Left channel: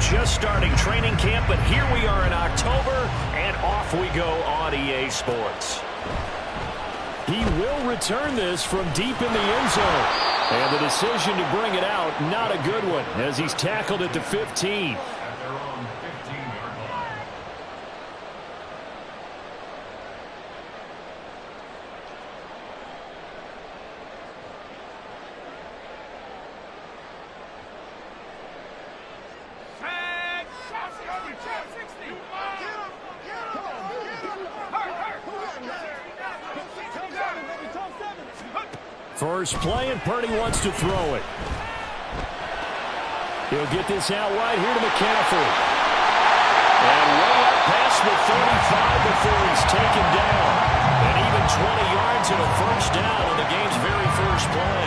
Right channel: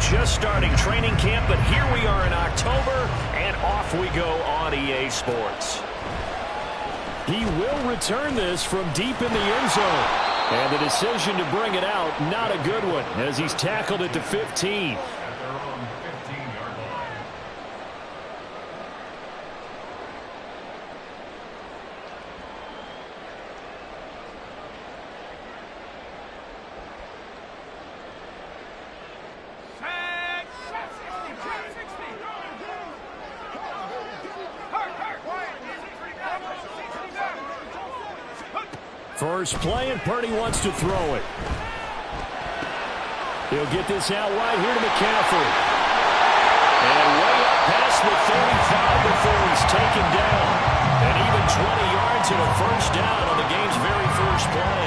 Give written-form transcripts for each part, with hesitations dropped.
just starting training camp, but here we are in October, and off we go on EA Sports. He will return this from deep in the end zone. And the decision to bring it out, not a good one, as he's tackled at the 15. At their own 15-yard line. First play, and Purdy wants to throw it. He'll get this out wide here to McCaffrey. And way up past the 35 before he's taken down. And even 20 yards and a first down on the game's very first play.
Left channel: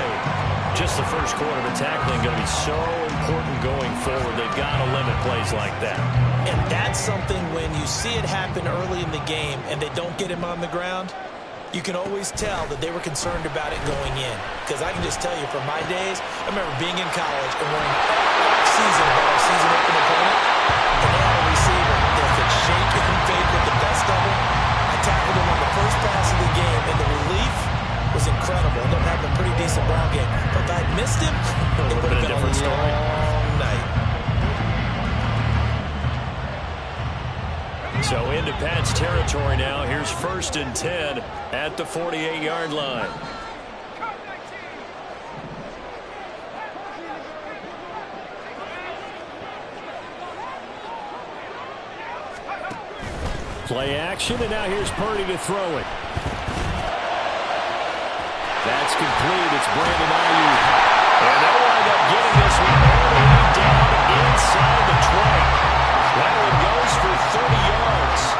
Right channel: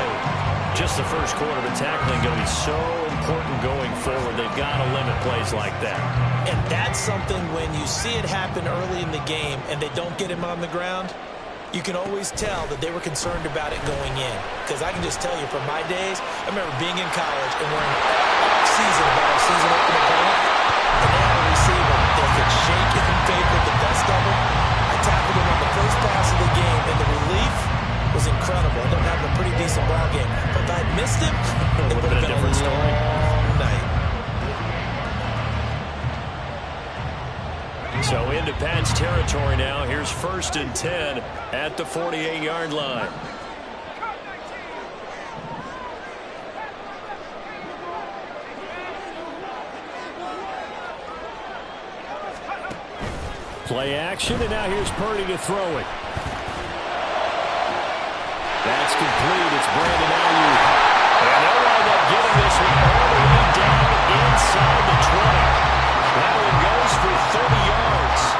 Just the first quarter, but tackling going to be so important going forward. They've got to limit plays like that. And that's something when you see it happen early in the game and they don't get him on the ground, you can always tell that they were concerned about it going in. Because I can just tell you from my days, I remember being in college and worrying all season about our season open opponent. And they had a receiver that could shake and fake with the best of them. I tackled him on the first pass of the game, and the relief was incredible. I ended up having a pretty decent ball game. But if I had missed him, it would have been a different story. Long night. So into Pat's territory now. Here's 1st and 10 at the 48-yard line. Play action, and now here's Purdy to throw it. That's complete. It's Brandon Ayuk. And they'll wind up getting this one all the way down inside the 20. That one goes for 30 yards.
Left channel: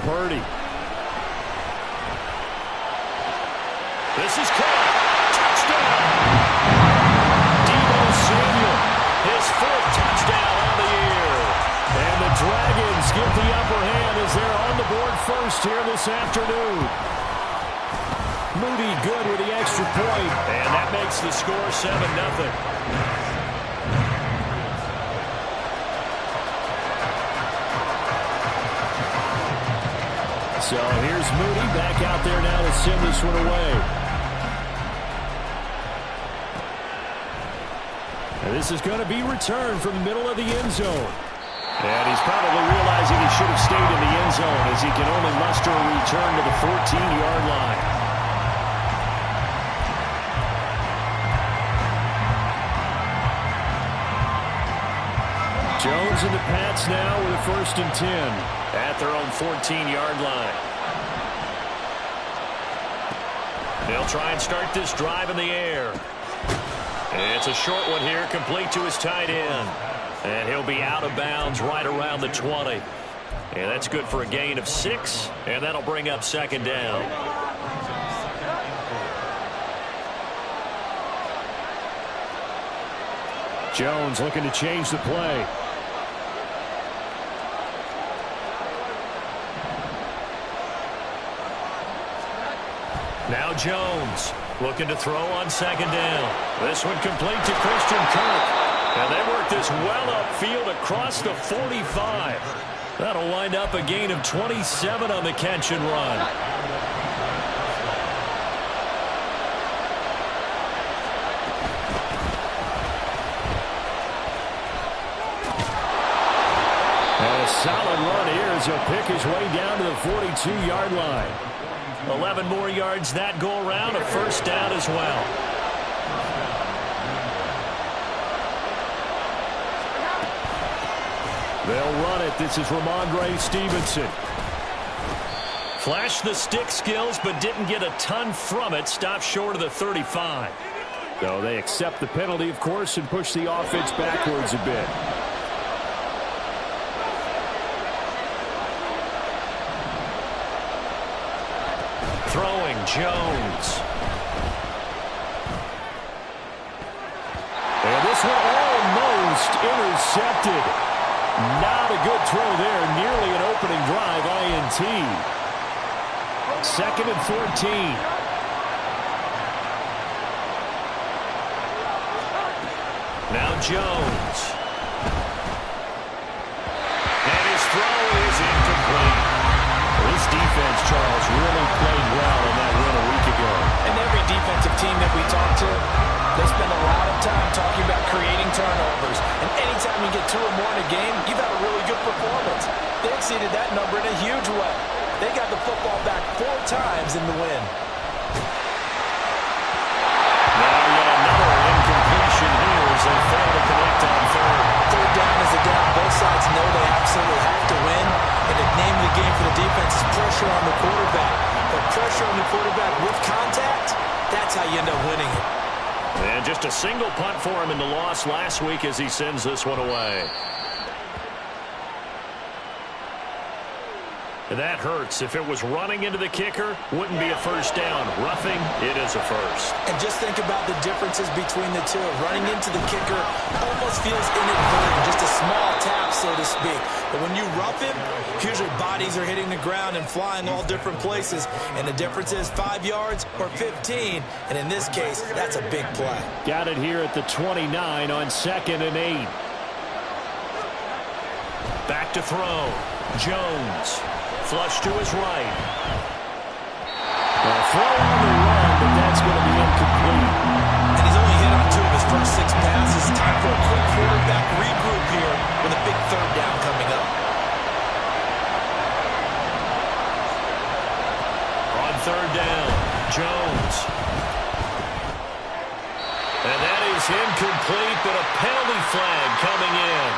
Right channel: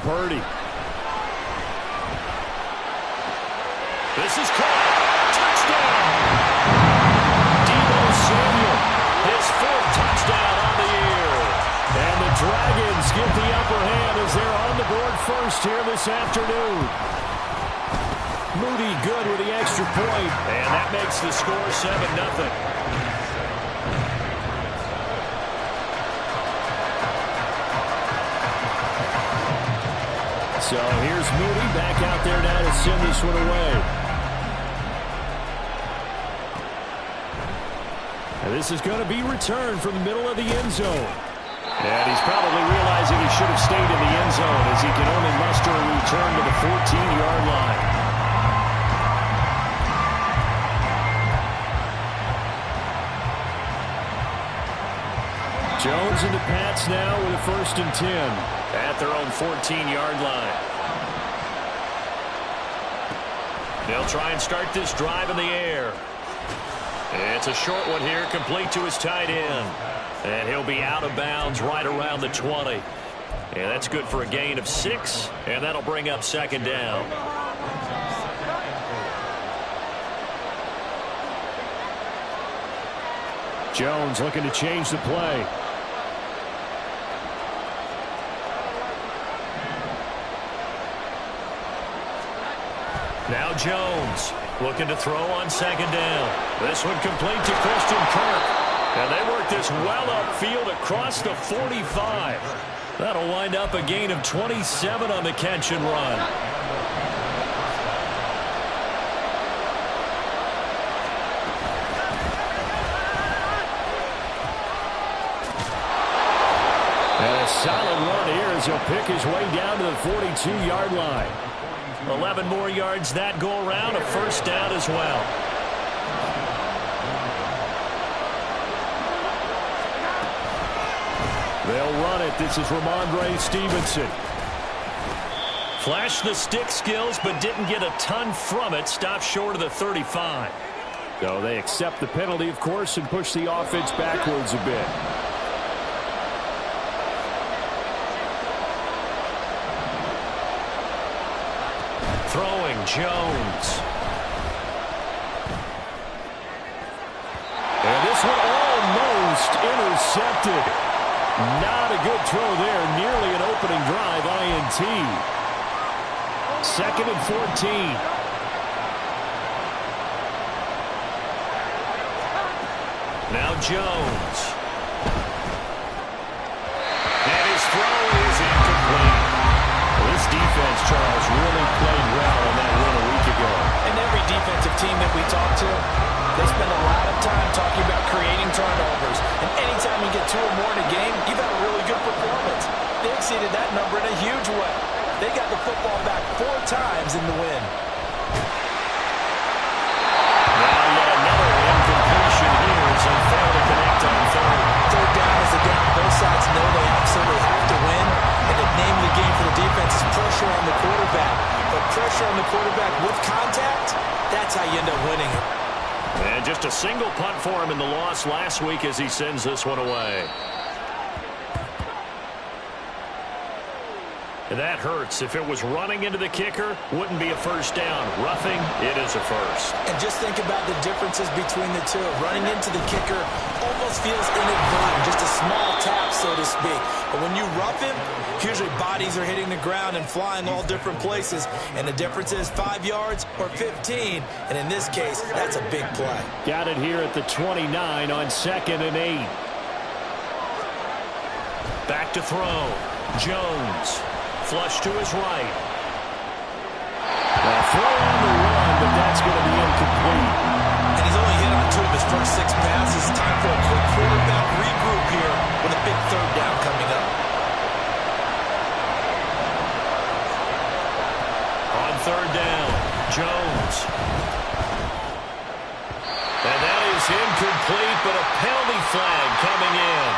Purdy. This is caught. Touchdown. Samuel, his 4th touchdown on the year. And the Dragons get the upper hand as they're on the board first here this afternoon. Moody good with the extra point. And that makes the score 7-0. So here's Moody back out there now to send this one away. And this is going to be returned from the middle of the end zone. And he's probably realizing he should have stayed in the end zone as he can only muster a return to the 14-yard line. Jones and the Pats now with a 1st and 10 at their own 14-yard line. They'll try and start this drive in the air. It's a short one here, complete to his tight end. And he'll be out of bounds right around the 20. And that's good for a gain of 6, and that'll bring up 2nd down. Jones looking to change the play. Now Jones looking to throw on 2nd down. This one complete to Christian Kirk. And they work this well upfield across the 45. That'll wind up a gain of 27 on the catch and run. And a solid run here as he'll pick his way down to the 42-yard line. 11 more yards that go around, a 1st down as well. They'll run it. This is Ramondre Stevenson. Flashed the stick skills, but didn't get a ton from it. Stopped short of the 35. So they accept the penalty, of course, and push the offense backwards a bit. Throwing Jones. And this one almost intercepted. Not a good throw there. Nearly an opening drive INT. 2nd and 14. Now Jones. And his throw is incomplete. Well, this defense, Charles, really played well in that win a week ago. And every defensive team that we talk to, they spend a lot of time talking about creating turnovers. And anytime you get 2 or more in a game, you've had a really good performance. They exceeded that number in a huge way. They got the football back 4 times in the win. Now yet another incompletion here as they fail to connect on 3rd. 3rd down is a down. Both sides know they absolutely have to win. And the name of the game for the defense is pressure on the quarterback. But pressure on the quarterback with contact, that's how you end up winning it. And just a single punt for him in the loss last week as he sends this one away. That hurts. If it was running into the kicker, wouldn't be a first down. Roughing, it is a first. And just think about the differences between the two. Running into the kicker almost feels inadvertent, just a small tap, so to speak. But when you rough him, usually bodies are hitting the ground and flying all different places. And the difference is 5 yards or 15. And in this case, that's a big play. Got it here at the 29 on 2nd and 8. Back to throw. Jones. Flush to his right. Well, throw on the run, but that's going to be incomplete. And he's only hit on 2 of his first 6 passes. Time for a quick quarterback regroup here with a big 3rd down coming up. On 3rd down, Jones. And that is incomplete, but a penalty flag coming in.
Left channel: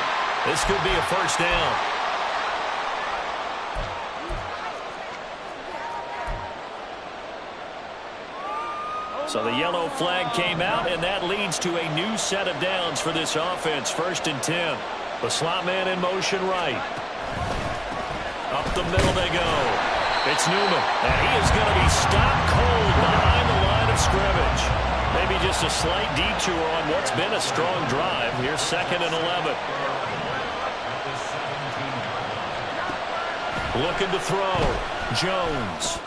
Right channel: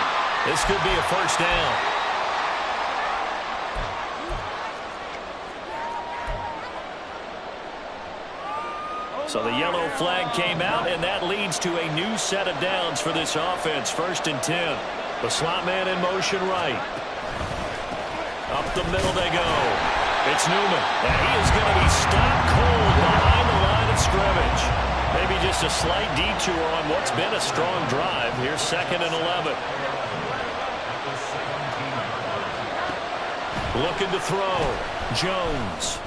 This could be a first down. So the yellow flag came out, and that leads to a new set of downs for this offense. 1st and 10. The slot man in motion right. Up the middle they go. It's Newman, and he is going to be stopped cold behind the line of scrimmage. Maybe just a slight detour on what's been a strong drive. Here's 2nd and 11. Looking to throw. Jones.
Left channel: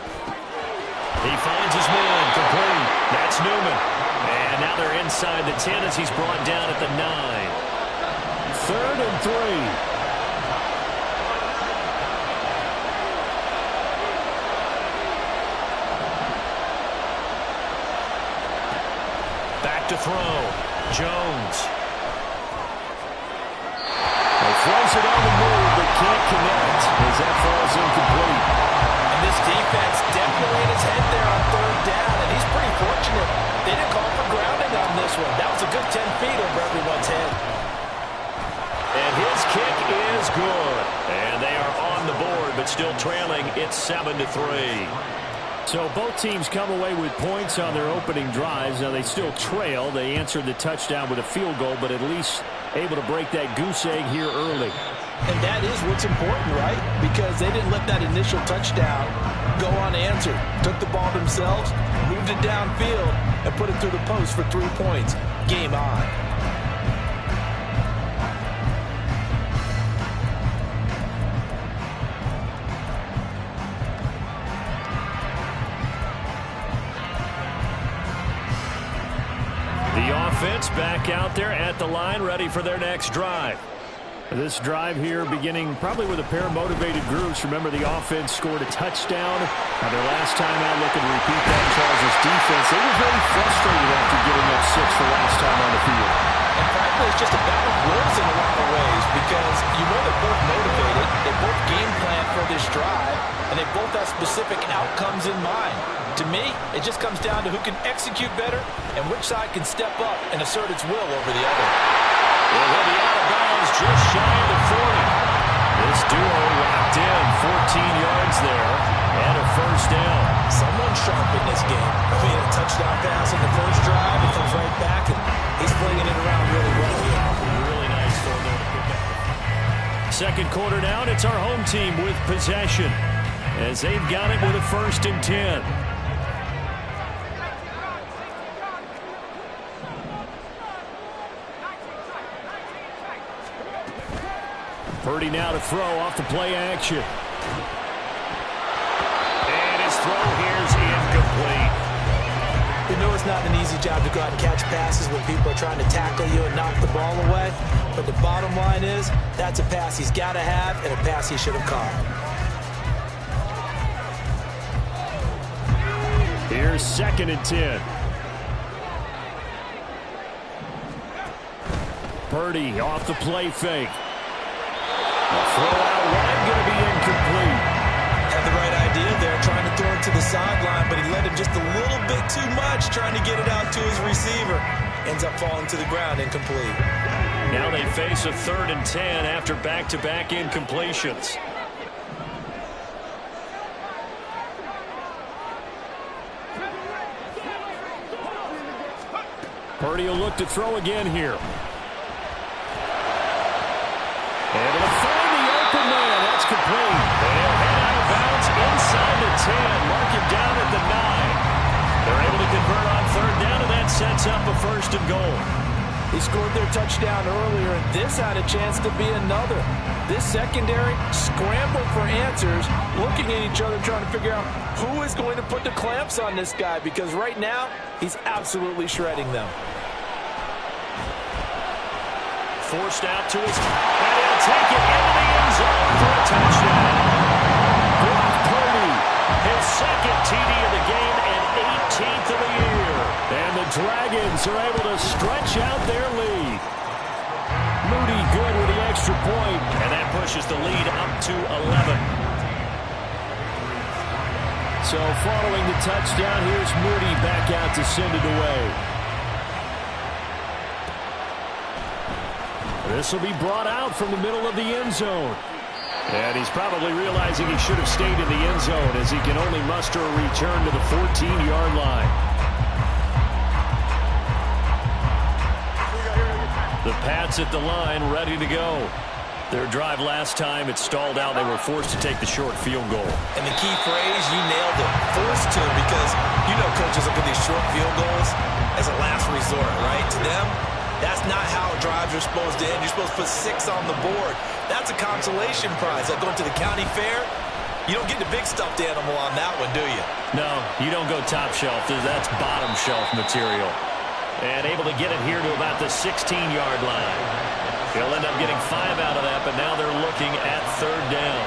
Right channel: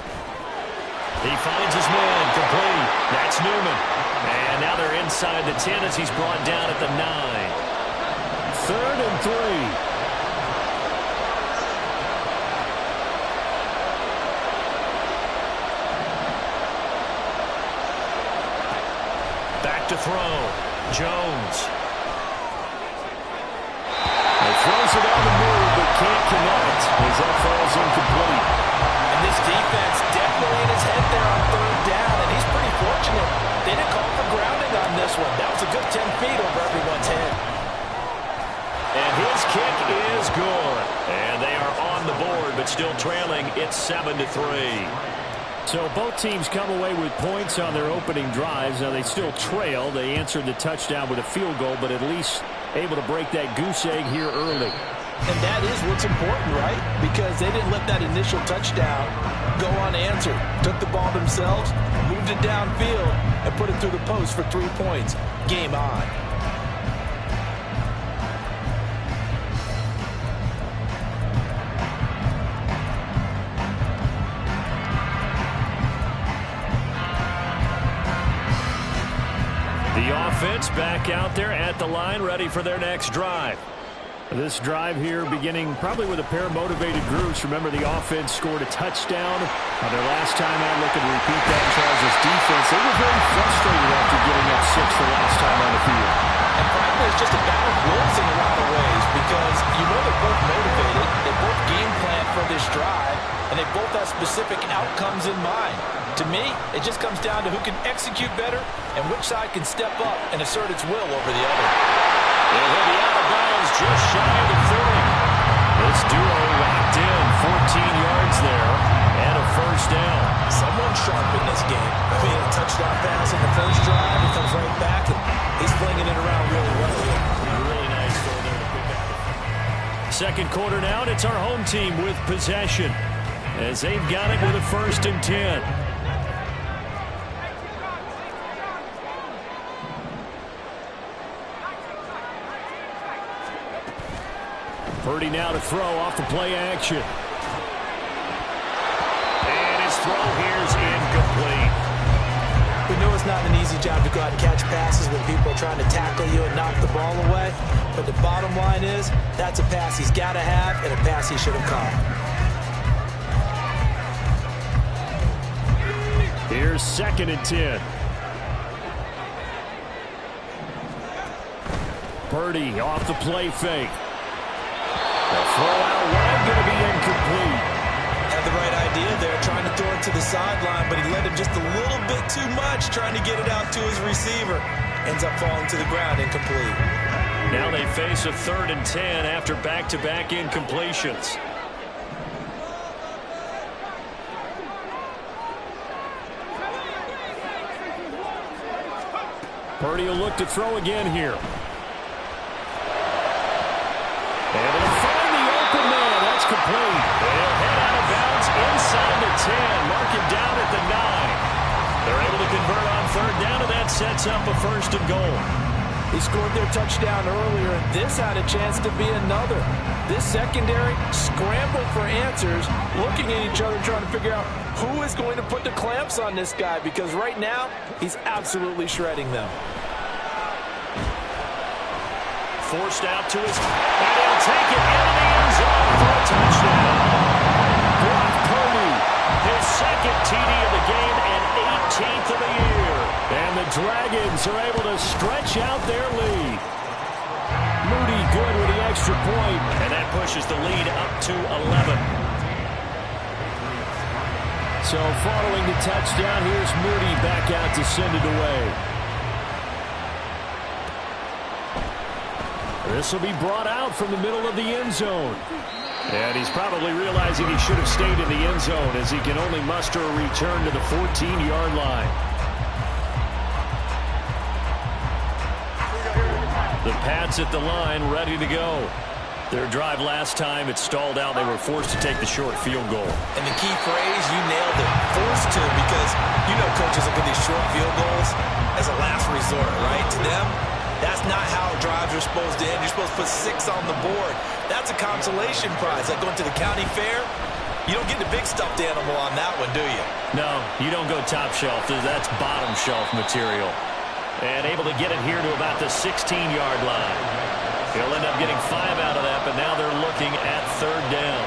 He finds his man, complete. That's Newman. And now they're inside the 10 as he's brought down at the 9. 3rd and 3. Back to throw. Jones. He throws it on the move, but can't connect as that falls incomplete. And this defense definitely in his head there on 3rd down, and he's pretty fortunate. They didn't call for grounding on this one. That was a good 10 feet over everyone's head. And his kick is good. And they are on the board, but still trailing. It's 7-3. So both teams come away with points on their opening drives. Now they still trail. They answered the touchdown with a field goal, but at least able to break that goose egg here early. And that is what's important, right? Because they didn't let that initial touchdown go unanswered. Took the ball themselves, moved it downfield, and put it through the post for 3 points. Game on. The offense back out there at the line, ready for their next drive. This drive here beginning probably with a pair of motivated groups. Remember, the offense scored a touchdown. Their last time out, looking to repeat that in Charles' defense. They were very frustrated after giving up 6 the last time on the field. And frankly, it's just a battle of wills in a lot of ways because you know they're both motivated. They both game plan for this drive, and they both have specific outcomes in mind. To me, it just comes down to who can execute better and which side can step up and assert its will over the other. And he'll be out of bounds just shy of the 40. This duo locked in 14 yards there and a first down. Someone sharp in this game. I mean, a touchdown pass in the first drive. He comes right back, and he's flinging it around really well here. Really nice throw there to pick up. Second quarter now, and it's our home team with possession as they've got it with a 1st and 10. Purdy now to throw off the play action. And his throw here's incomplete. We know it's not an easy job to go out and catch passes when people are trying to tackle you and knock the ball away. But the bottom line is, that's a pass he's got to have and a pass he should have caught. Here's 2nd and 10. Purdy off the play fake. The throw out wide going to be incomplete. Had the right idea there, trying to throw it to the sideline, but he let him just a little bit too much, trying to get it out to his receiver. Ends up falling to the ground, incomplete. Now they face a 3rd and 10 after back-to-back incompletions. Purdy will look to throw again here. And it'll find the open man. That's complete. They'll head out of bounds inside the 10. Mark him down at the 9. They're able to convert on 3rd down, and that sets up a 1st and goal. He scored their touchdown earlier, and this had a chance to be another. This secondary scrambled for answers, looking at each other, trying to figure out who is going to put the clamps on this guy, because right now, he's absolutely shredding them. Forced out to his, and he'll take it into the end zone for a touchdown. Brock Purdy, his 2nd TD of the game and 18th of the year. And the Dragons are able to stretch out their lead. Moody good with the extra point. And that pushes the lead up to 11. So following the touchdown, here's Moody back out to send it away. This will be brought out from the middle of the end zone. And he's probably realizing he should have stayed in the end zone as he can only muster a return to the 14-yard line. The Pats at the line, ready to go. Their drive last time, it stalled out. They were forced to take the short field goal. And the key phrase, you nailed it, forced to, because you know coaches look at these short field goals as a last resort, right? To them, that's not how drives are supposed to end. You're supposed to put 6 on the board. That's a consolation prize. Like going to the county fair, you don't get the big stuffed animal on that one, do you? No, you don't go top shelf. That's bottom shelf material. And able to get it here to about the 16-yard line. He'll end up getting 5 out of that, but now they're looking at 3rd down.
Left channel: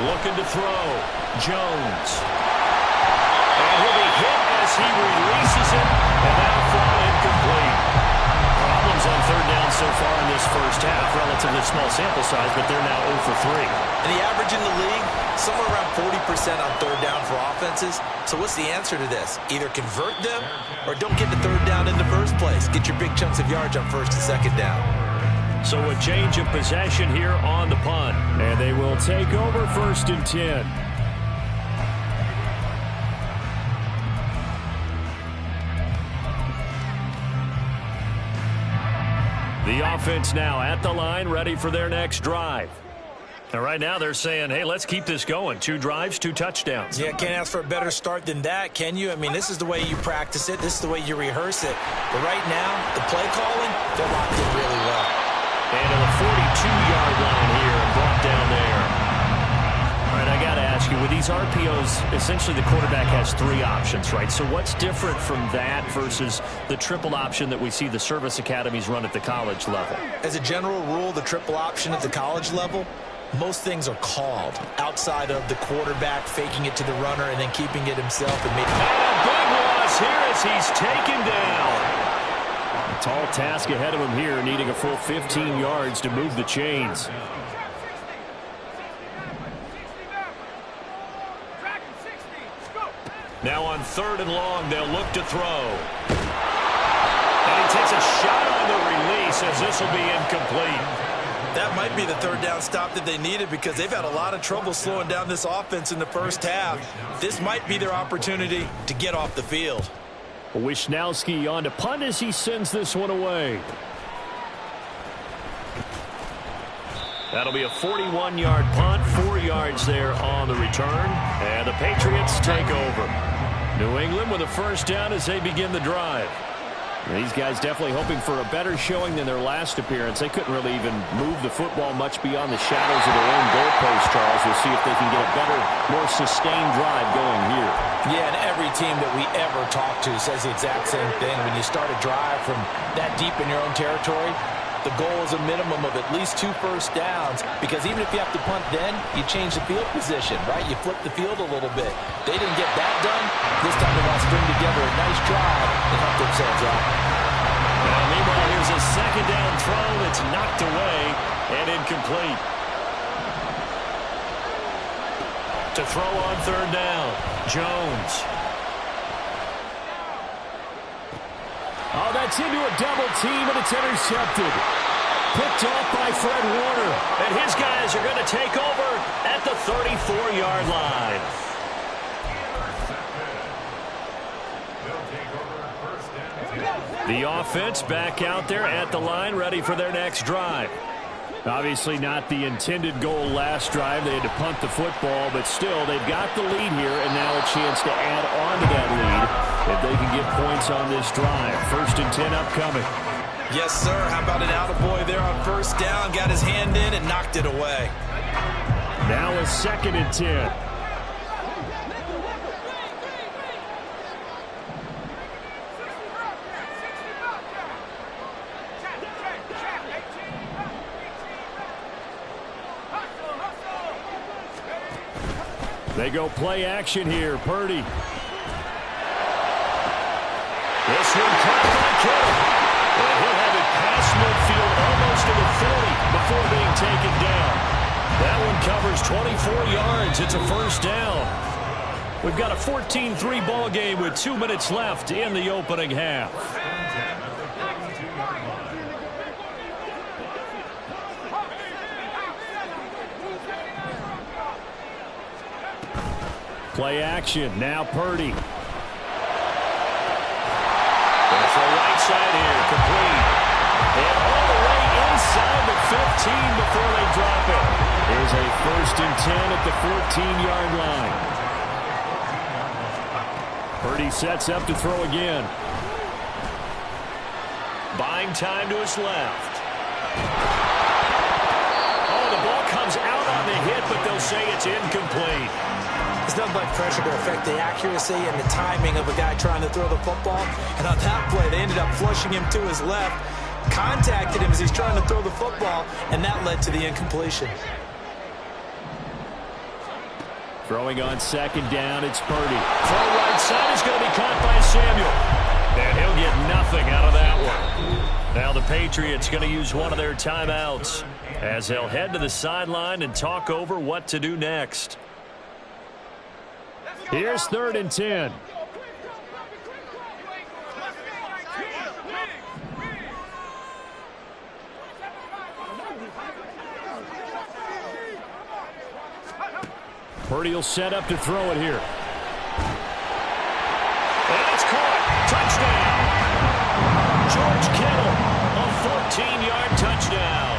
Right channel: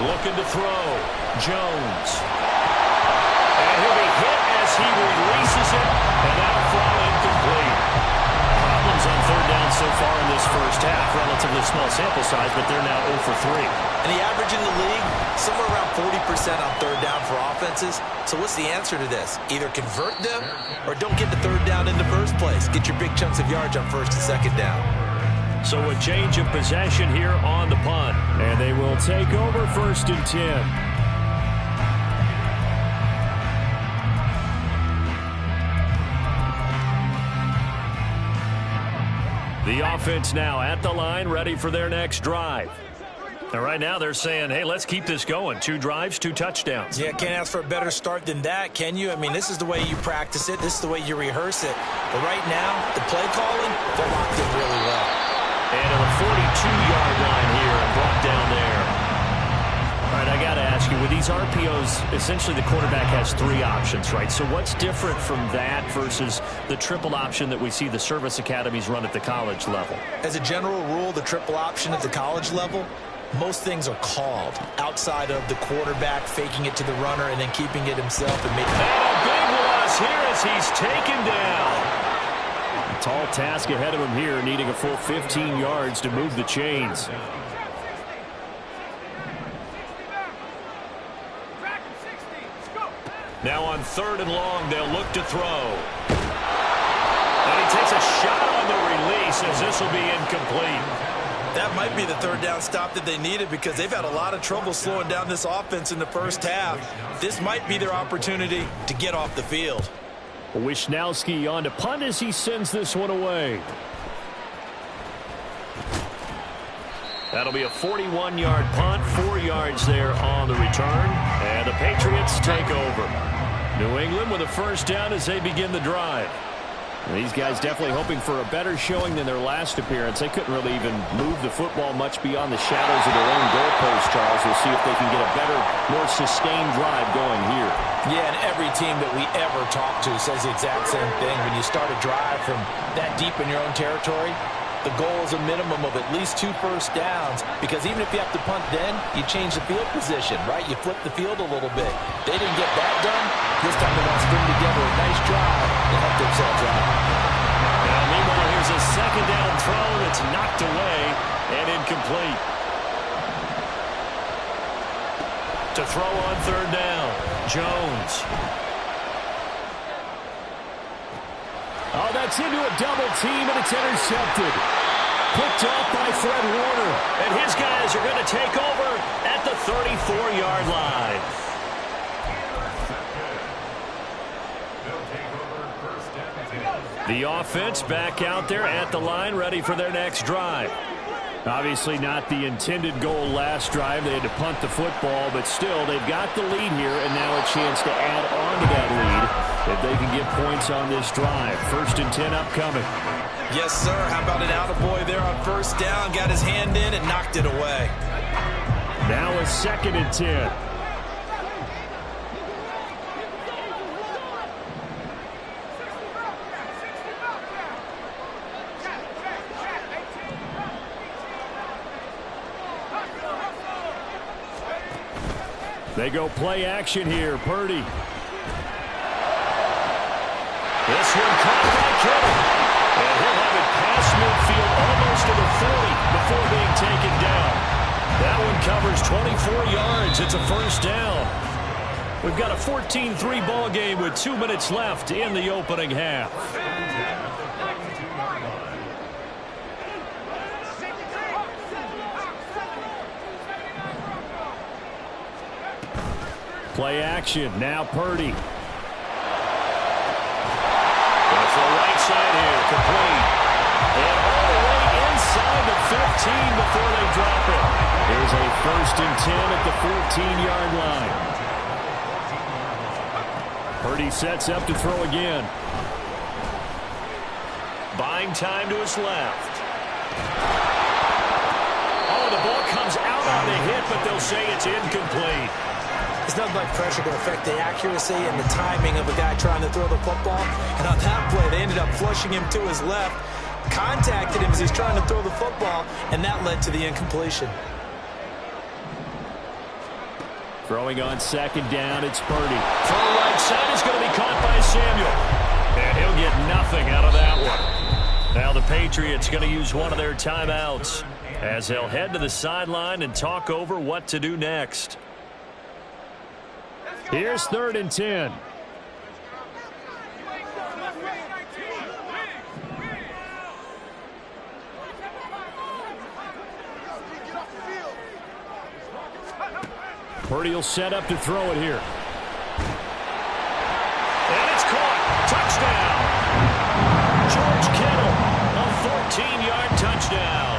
Looking to throw. Jones. And he'll be hit as he releases it, and that'll fall incomplete. Problems on 3rd down so far in this first half. Relatively small sample size, but they're now 0 for 3. And the average in the league, somewhere around 40% on 3rd down for offenses. So what's the answer to this? Either convert them or don't get the 3rd down in the first place. Get your big chunks of yards on 1st and 2nd down. So a change of possession here on the punt. And they will take over 1st and 10. The offense now at the line, ready for their next drive. And right now they're saying, hey, let's keep this going. 2 drives, 2 touchdowns. Yeah, can't ask for a better start than that, can you? I mean, this is the way you practice it. This is the way you rehearse it. But right now, the play calling, they're locked in really well. And to the 42-yard line here and brought down there. All right, I got to ask you, with these RPOs, essentially the quarterback has 3 options, right? So what's different from that versus the triple option that we see the service academies run at the college level? As a general rule, the triple option at the college level, most things are called outside of the quarterback faking it to the runner and then keeping it himself. And a big loss here as he's taken down. A tall task ahead of him here, needing a full 15 yards to move the chains. Now on 3rd and long, they'll look to throw. And he takes a shot on the release as this will be incomplete. That might be the 3rd down stop that they needed because they've had a lot of trouble slowing down this offense in the first half. This might be their opportunity to get off the field. Wisnowski on to punt as he sends this one away. That'll be a 41-yard punt, 4 yards there on the return, and the Patriots take over. New England with a first down as they begin the drive. These guys definitely hoping for a better showing than their last appearance. They couldn't really even move the football much beyond the shadows of their own goalpost, Charles. We'll see if they can get a better, more sustained drive going here. Yeah, and every team that we ever talk to says the exact same thing. When you start a drive from that deep in your own territory, the goal is a minimum of at least 2 first downs, because even if you have to punt then, you change the field position, right? You flip the field a little bit. They didn't get that done. This time they want to string together a nice drive and help themselves out. Now, meanwhile, here's a second down throw that's knocked away and incomplete. To throw on third down, Jones. Oh, that's into a double team, and it's intercepted. Picked off by Fred Warner. And his guys are going to take over at the 34-yard line. The offense back out there at the line, ready for their next drive. Obviously not the intended goal last drive. They had to punt the football, but still, they've got the lead here, and now a chance to add on to that lead if they can get points on this drive. 1st and 10 upcoming. Yes, sir. How about an attaboy there on first down? Got his hand in and knocked it away. Now a 2nd and 10. They go play action here. Purdy. This one caught by Kittle. And he'll have it past midfield almost to the 40 before being taken down. That one covers 24 yards. It's a first down. We've got a 14-3 ball game with 2 minutes left in the opening half. Play action. Now Purdy. Going for a right side here. Complete. And all the way inside the 15 before they drop it. There's a 1st and 10 at the 14-yard line. Purdy sets up to throw again. Buying time to his left. Oh, the ball comes out on the hit, but they'll say it's incomplete. It's nothing like pressure to affect the accuracy and the timing of a guy trying to throw the football. And on that play, they ended up flushing him to his left, contacted him as he's trying to throw the football, and that led to the incompletion. Throwing on 2nd down, it's Purdy. Throw right side is going to be caught by Samuel. And he'll get nothing out of that one. Now the Patriots going to use one of their timeouts as they'll head to the sideline and talk over what to do next. Here's 3rd and 10. Purdy will set up to throw it here. And it's caught. Touchdown. George Kittle, a 14-yard touchdown.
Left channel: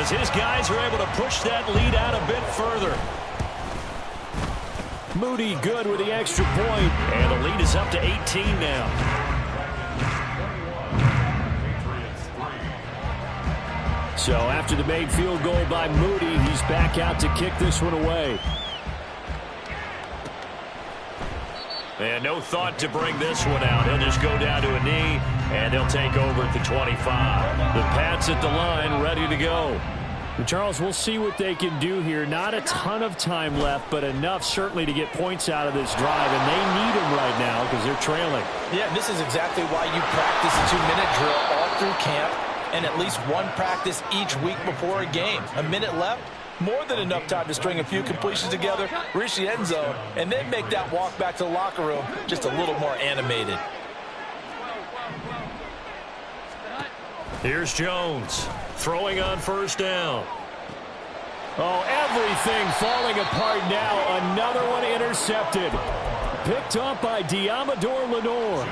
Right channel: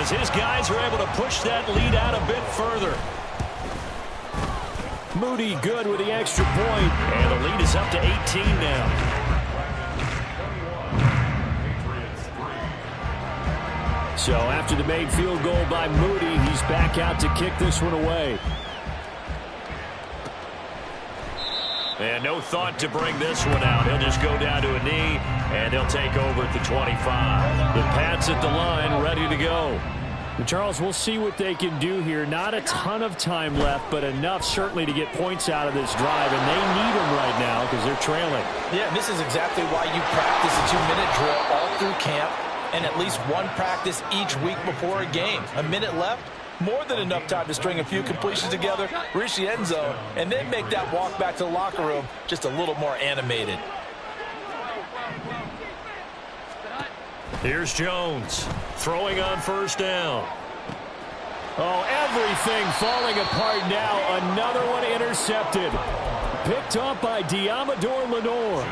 As his guys are able to push that lead out a bit further. Moody good with the extra point. And the lead is up to 18 now. So after the made field goal by Moody, he's back out to kick this one away. And no thought to bring this one out. He'll just go down to a knee, and they'll take over at the 25. The Pats at the line, ready to go. Charles, we'll see what they can do here. Not a ton of time left, but enough certainly to get points out of this drive, and they need them right now because they're trailing. Yeah, and this is exactly why you practice a 2-minute drill all through camp and at least one practice each week before a game. A minute left, more than enough time to string a few completions together, reach the end zone, and then make that walk back to the locker room just a little more animated. Here's Jones throwing on first down. Oh, everything falling apart now. Another one intercepted. Picked up by Diamador Lenore.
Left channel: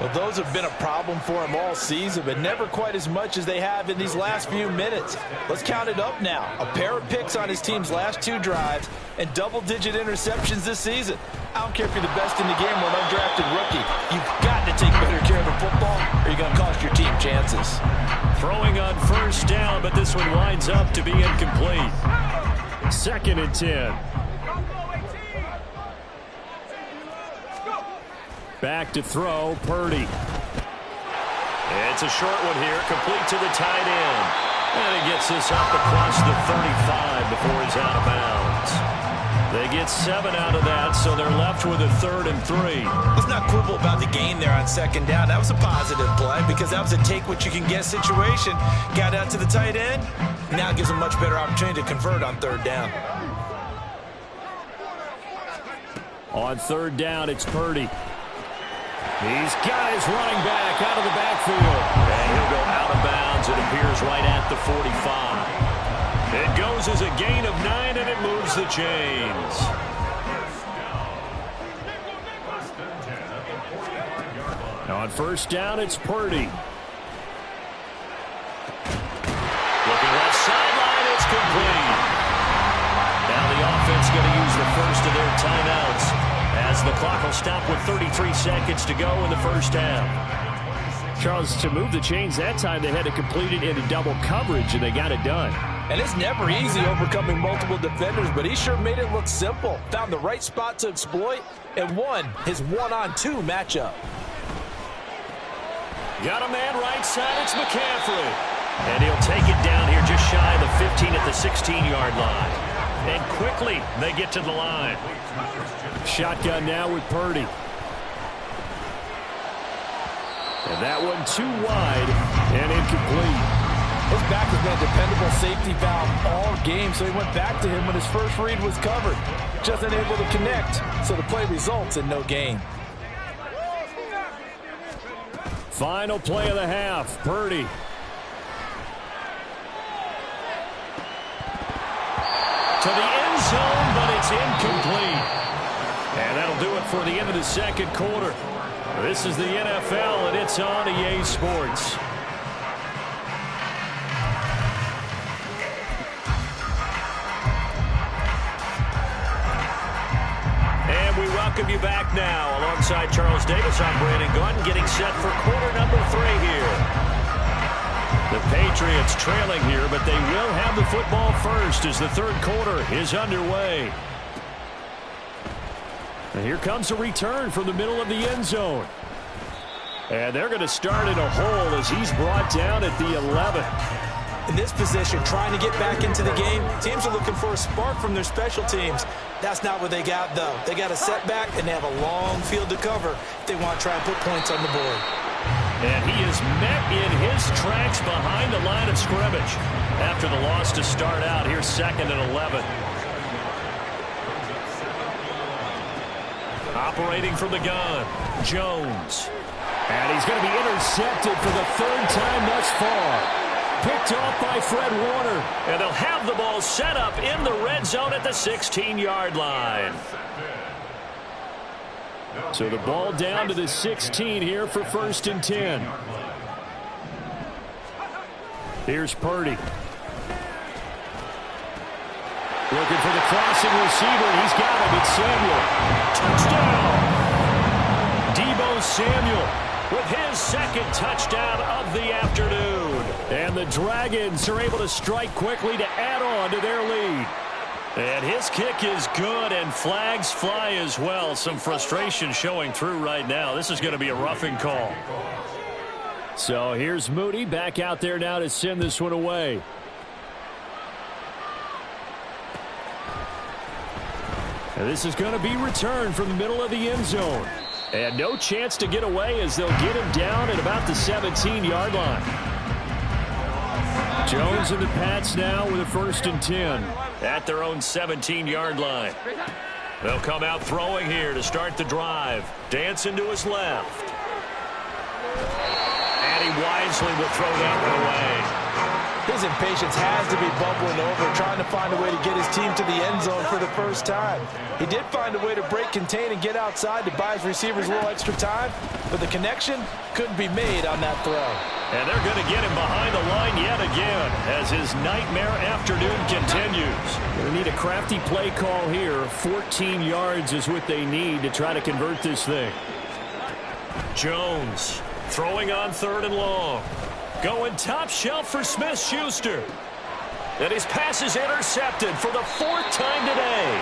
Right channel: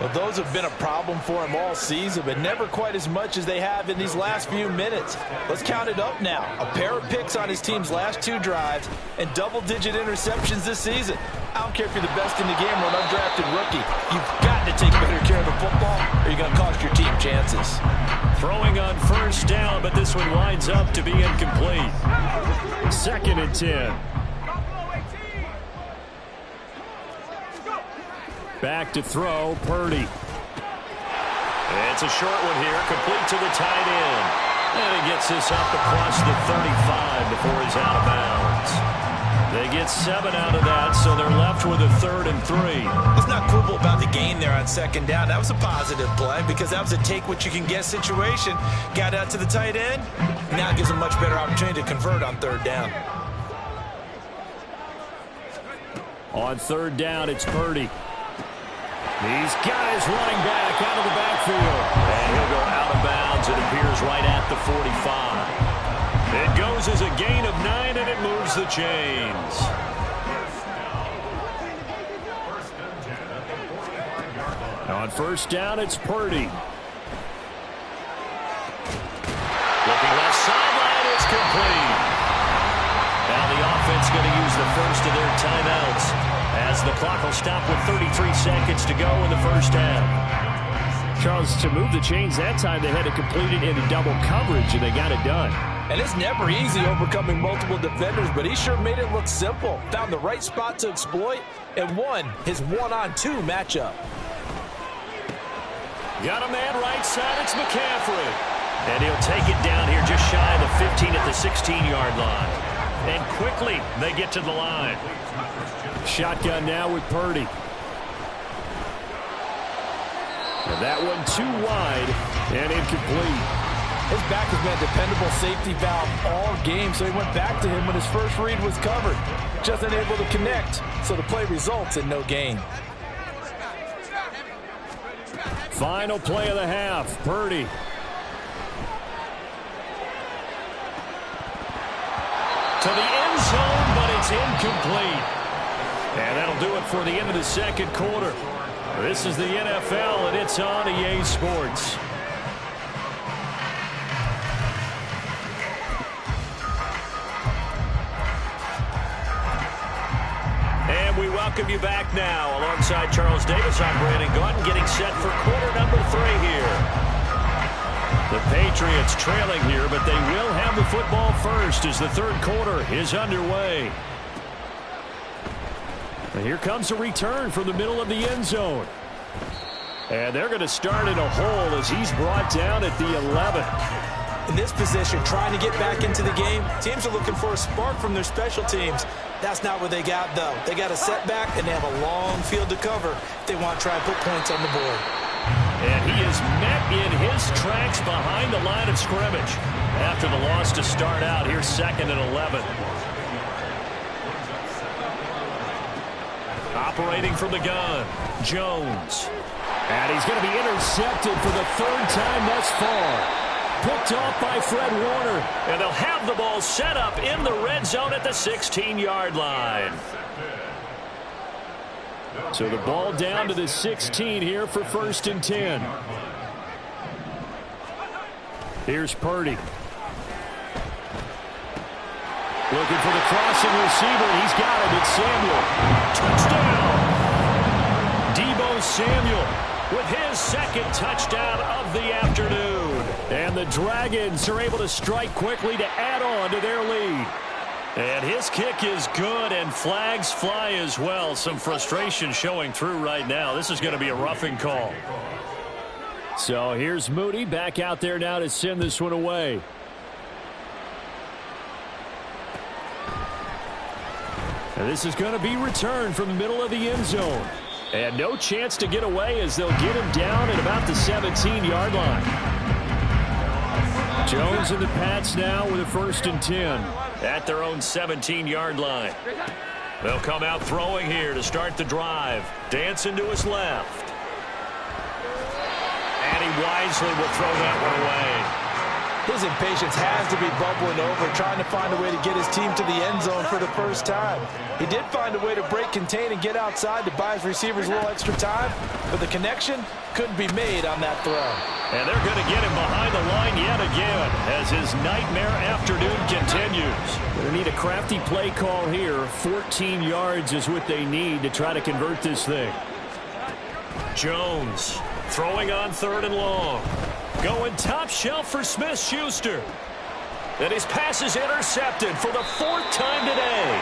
Well, those have been a problem for him all season, but never quite as much as they have in these last few minutes. Let's count it up now. A pair of picks on his team's last 2 drives and double-digit interceptions this season. I don't care if you're the best in the game or an undrafted rookie. You've got to take better care of the football or you're going to cost your team chances. Throwing on first down, but this one winds up to be incomplete. 2nd and 10. Back to throw, Purdy. It's a short one here, complete to the tight end. And he gets this up across the 35 before he's out of bounds. They get 7 out of that, so they're left with a 3rd and 3. Let's not quibble about the gain there on 2nd down. That was a positive play because that was a take-what-you-can-get situation. Got out to the tight end. Now it gives them much better opportunity to convert on 3rd down. On 3rd down, it's Purdy. He's got his running back out of the backfield. And he'll go out of bounds. It appears right at the 45. It goes as a gain of 9, and it moves the chains. On 1st down, it's Purdy. Looking left sideline, it's complete. Now the offense going to use the first of their timeouts, as the clock will stop with 33 seconds to go in the 1st half. Charles, to move the chains that time, they had to complete it into double coverage, and they got it done. And it's never easy overcoming multiple defenders, but he sure made it look simple. Found the right spot to exploit and won his 1-on-2 matchup. Got a man right side, it's McCaffrey. And he'll take it down here just shy of the 15 at the 16-yard line. And quickly, they get to the line. Shotgun now with Purdy. And that one too wide and incomplete. His back has been a dependable safety valve all game, so he went back to him when his first read was covered. Just unable to connect, so the play results in no gain. Final play of the half, Purdy. To the end zone, but it's incomplete. And that'll do it for the end of the 2nd quarter. This is the NFL, and it's on EA Sports. And we welcome you back now. Alongside Charles Davis, I'm Brandon Gordon, getting set for quarter number 3 here. The Patriots trailing here, but they will have the football first as the 3rd quarter is underway. And here comes a return from the middle of the end zone. And they're going to start in a hole as he's brought down at the 11. In this position, trying to get back into the game, teams are looking for a spark from their special teams. That's not what they got, though. They got a setback, and they have a long field to cover if they want to try and put points on the board. And he is met in his tracks behind the line of scrimmage after the loss to start out. Here's 2nd and 11. Operating from the gun, Jones. And he's going to be intercepted for the 3rd time thus far. Picked off by Fred Warner. And they'll have the ball set up in the red zone at the 16-yard line. So the ball down to the 16 here for 1st and 10. Here's Purdy. Looking for the crossing receiver, and he's got him. It's Samuel. Touchdown! Deebo Samuel with his 2nd touchdown of the afternoon. And the Dragons are able to strike quickly to add on to their lead. And his kick is good, and flags fly as well. Some frustration showing through right now. This is going to be a roughing call. So here's Moody back out there now to send this one away. And this is going to be returned from the middle of the end zone. And no chance to get away as they'll get him down at about the 17-yard line. Jones and the Pats now with a 1st and 10. At their own 17-yard line. They'll come out throwing here to start the drive. Dancing to his left. And he wisely will throw that one away. His impatience has to be bubbling over, trying to find a way to get his team to the end zone for the first time. He did find a way to break contain and get outside to buy his receivers a little extra time, but the connection couldn't be made on that throw. And they're going to get him behind the line yet again as his nightmare afternoon continues. Going to need a crafty play call here. 14 yards is what they need to try to convert this thing. Jones throwing on 3rd and long. Going top shelf for Smith-Schuster. And his pass is intercepted for the 4th time today.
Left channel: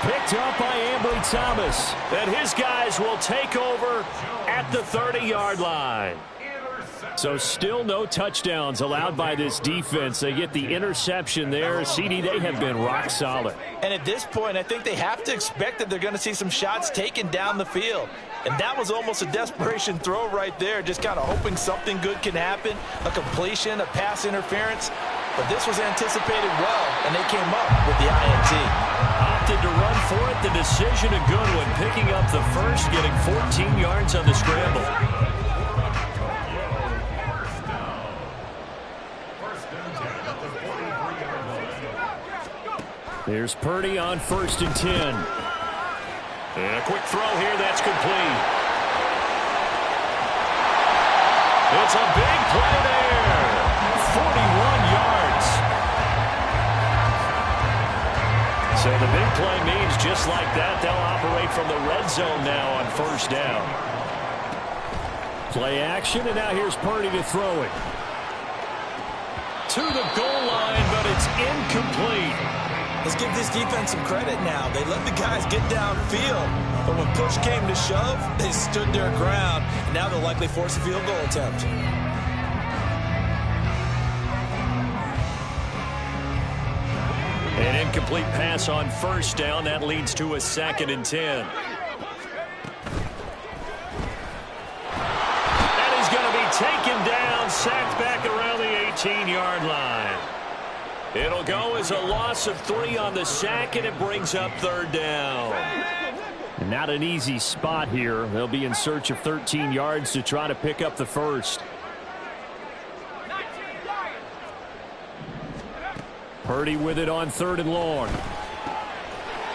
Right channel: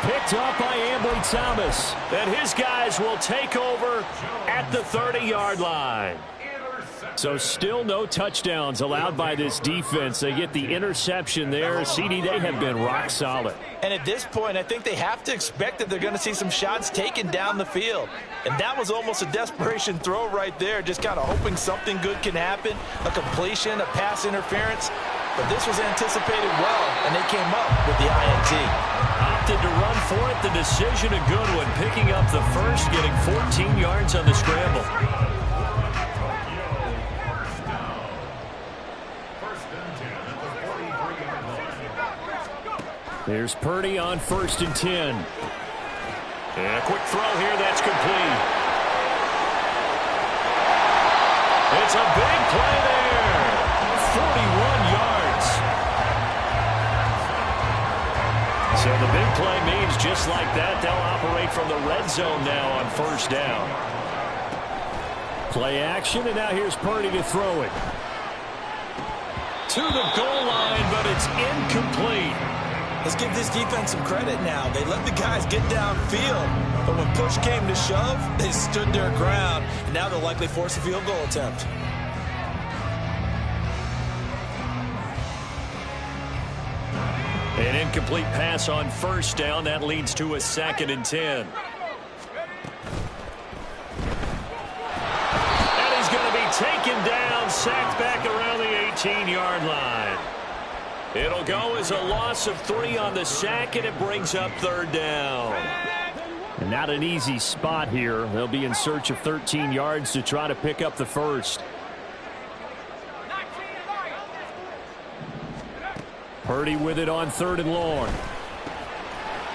Picked off by Ambry Thomas. And his guys will take over at the 30-yard line. So still no touchdowns allowed by this defense. They get the interception there. CD, they have been rock solid. And at this point, I think they have to expect that they're going to see some shots taken down the field. And that was almost a desperation throw right there, just kind of hoping something good can happen, a completion, a pass interference. But this was anticipated well, and they came up with the INT. Opted to run for it. The decision a good one, picking up the first, getting 14 yards on the scramble. There's Purdy on 1st and 10. And a quick throw here that's complete. It's a big play there. 41 yards. So the big play means just like that, they'll operate from the red zone now on 1st down. Play action, and now here's Purdy to throw it. To the goal line, but it's incomplete. Let's give this defense some credit now. They let the guys get downfield, but when push came to shove, they stood their ground, and now they'll likely force a field goal attempt. An incomplete pass on 1st down. That leads to a 2nd and 10. And he's going to be taken down, sacked back around the 18-yard line. It'll go as a loss of 3 on the sack, and it brings up 3rd down. And not an easy spot here. They'll be in search of 13 yards to try to pick up the first. Purdy with it on 3rd and long.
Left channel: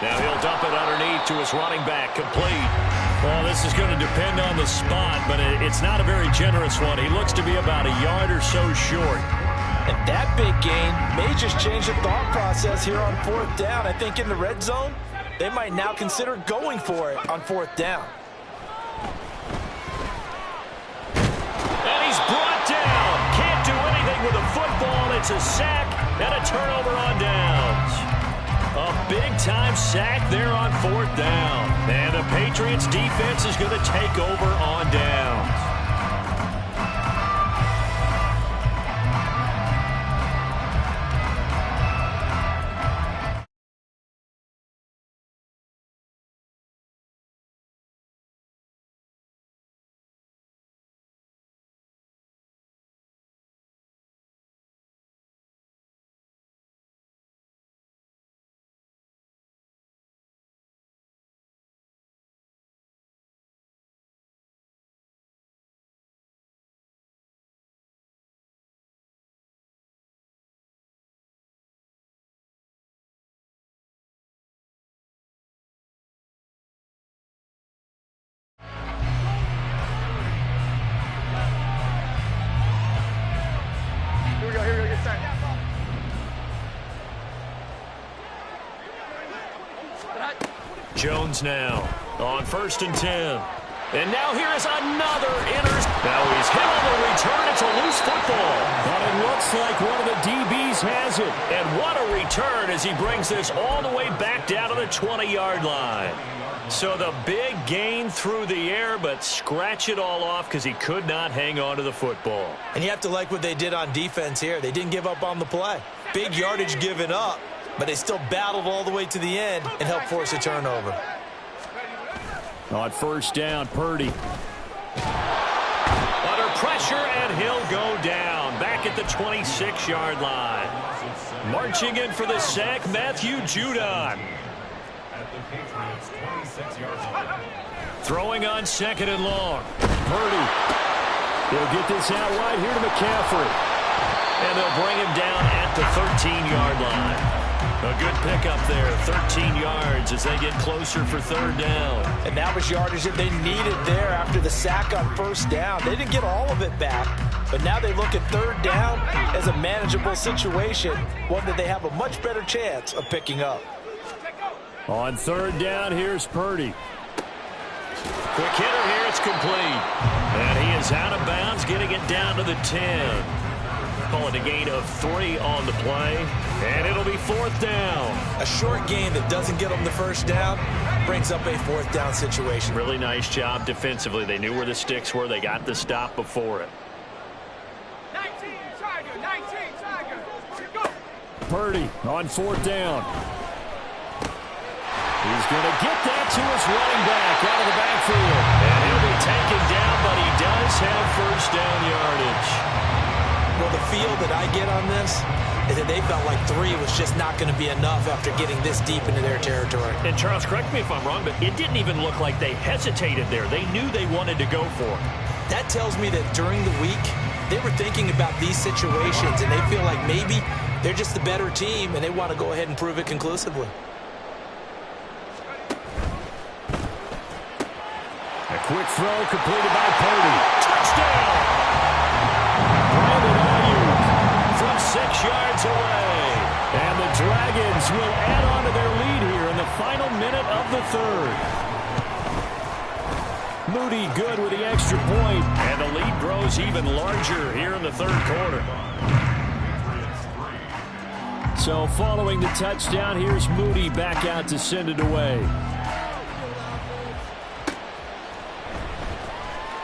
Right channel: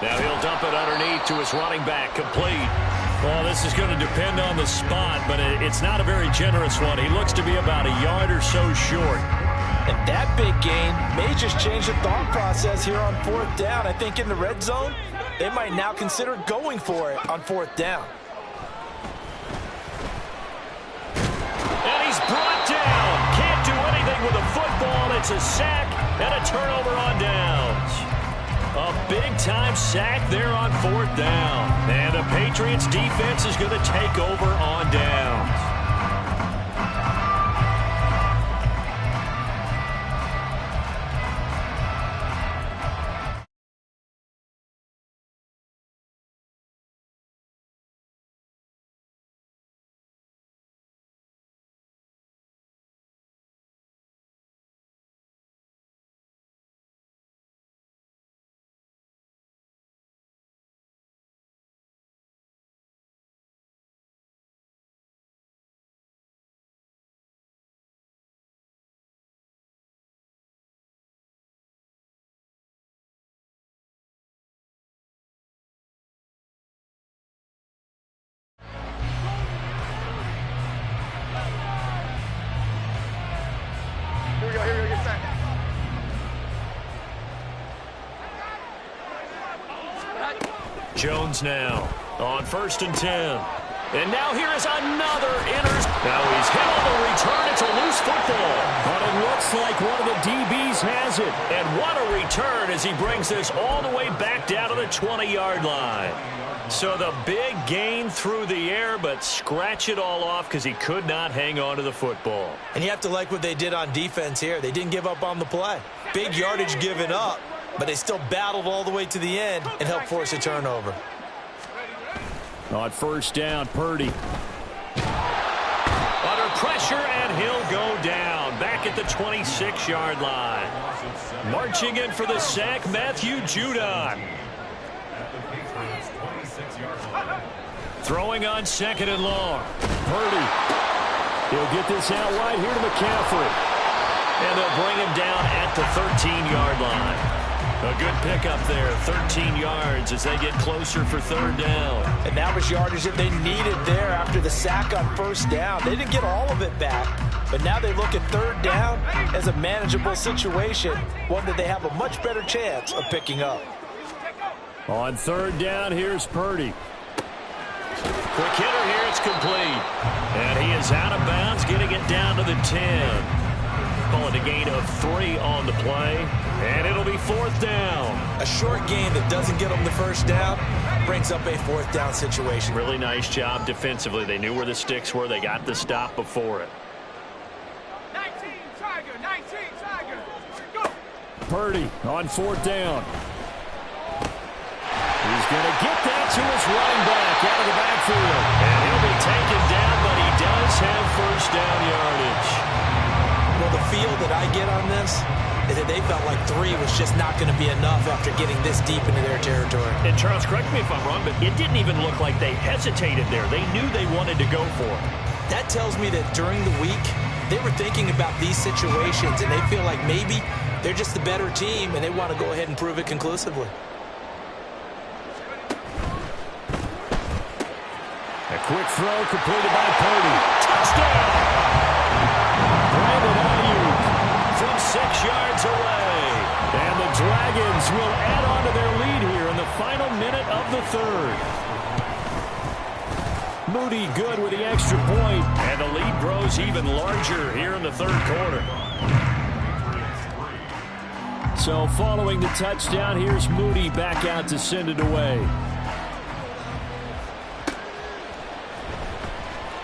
Now he'll dump it underneath to his running back, complete. Well, this is going to depend on the spot, but it's not a very generous one. He looks to be about a yard or so short. And that big gain may just change the thought process here on 4th down. I think in the red zone, they might now consider going for it on 4th down. And he's brought down. Can't do anything with a football. It's a sack and a turnover on downs. A big-time sack there on 4th down. And the Patriots defense is going to take over on downs. Here we go, get set. Jones now on 1st and 10. And now here is another Now he's hit on the return. It's a loose football. But it looks like one of the DBs has it. And what a return as he brings this all the way back down to the 20-yard line. So the big gain through the air, but scratch it all off because he could not hang on to the football. And you have to like what they did on defense here. They didn't give up on the play. Big yardage given up, but they still battled all the way to the end and helped force a turnover. On 1st down, Purdy. Under pressure, and he'll go down. Back at the 26-yard line. Marching in for the sack, Matthew Judon. At the Patriots' 26-yard line. Throwing on 2nd and long. Purdy. He'll get this out wide here to McCaffrey. And they'll bring him down at the 13-yard line. A good pickup there, 13 yards as they get closer for third down. And that was yardage that they needed there after the sack on first down. They didn't get all of it back, but now they look at third down as a manageable situation, one that they have a much better chance of picking up. On third down, here's Purdy. Quick hitter here, it's complete. And he is out of bounds, getting it down to the 10. Call it a gain of 3 on the play, and it'll be fourth down. A short gain that doesn't get them the first down brings up a fourth down situation. Really nice job defensively. They knew where the sticks were. They got the stop before it. 19 Tiger, 19 Tiger. Go. Purdy on fourth down. He's going to get that to his running back out of the backfield. And he'll be taken down, but he does have first down yardage. Well, the feel that I get on this is that they felt like 3 was just not going to be enough after getting this deep into their territory. And Charles, correct me if I'm wrong, but it didn't even look like they hesitated there. They knew they wanted to go for it. That tells me that during the week, they were thinking about these situations, and they feel like maybe they're just the better team, and they want to go ahead and prove it conclusively. A quick throw completed by Purdy. Touchdown! From 6 yards away. And the Dragons will add on to their lead here in the final minute of the third. Moody good with the extra point. And the lead grows even larger here in the third quarter. So following the touchdown, here's Moody back out to send it away.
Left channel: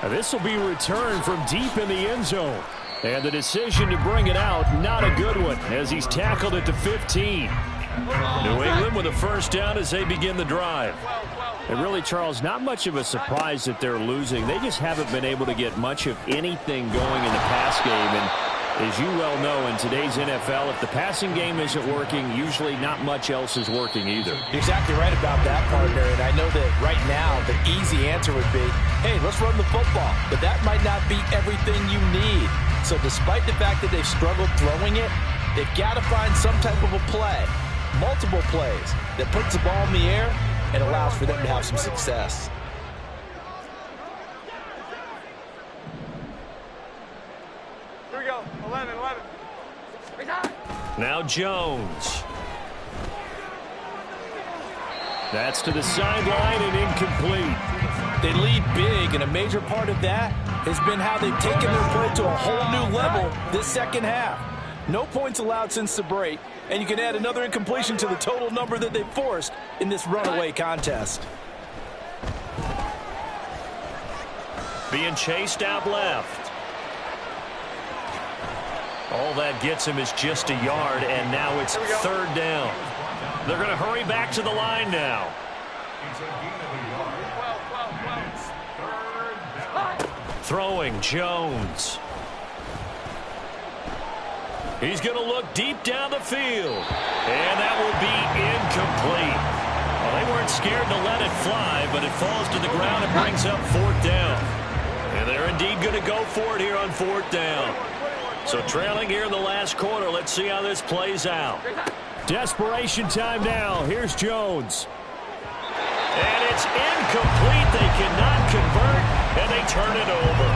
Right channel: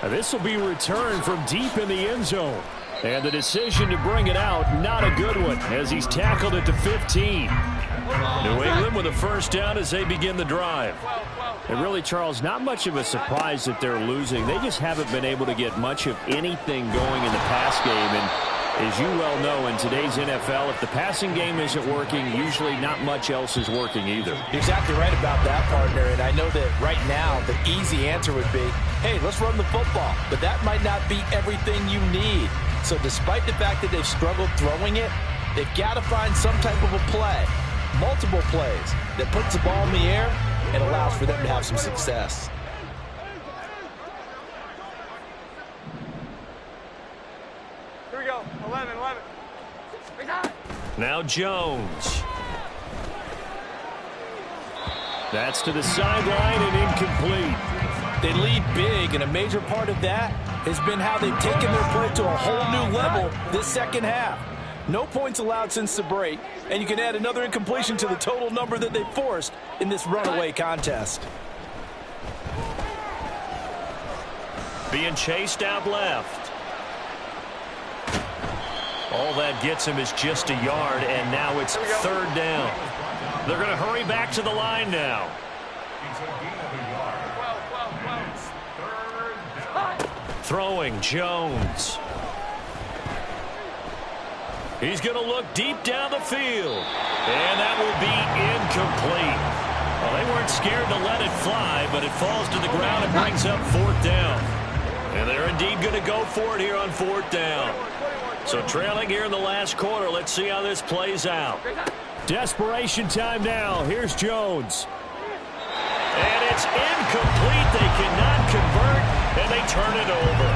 Now this will be returned from deep in the end zone. And the decision to bring it out, not a good one, as he's tackled at the 15. New England with a first down as they begin the drive. And really, Charles, not much of a surprise that they're losing. They just haven't been able to get much of anything going in the pass game. And as you well know, in today's NFL, if the passing game isn't working, usually not much else is working either. You're exactly right about that, partner. And I know that right now the easy answer would be, hey, let's run the football. But that might not be everything you need. So despite the fact that they've struggled throwing it, they've got to find some type of a play, multiple plays, that puts the ball in the air and allows for them to have some success. Here we go. 11. Now Jones. That's to the sideline and incomplete. They lead big, and a major part of that has been how they've taken their play to a whole new level this second half. No points allowed since the break, and you can add another incompletion to the total number that they forced in this runaway contest. Being chased out left. All that gets him is just a yard, and now it's third down. They're going to hurry back to the line now. Throwing Jones. He's going to look deep down the field. And that will be incomplete. Well, they weren't scared to let it fly, but it falls to the ground and brings up fourth down. And they're indeed going to go for it here on fourth down. So trailing here in the last quarter, let's see how this plays out. Desperation time now. Here's Jones. And it's incomplete. They cannot convert, and they turn it over.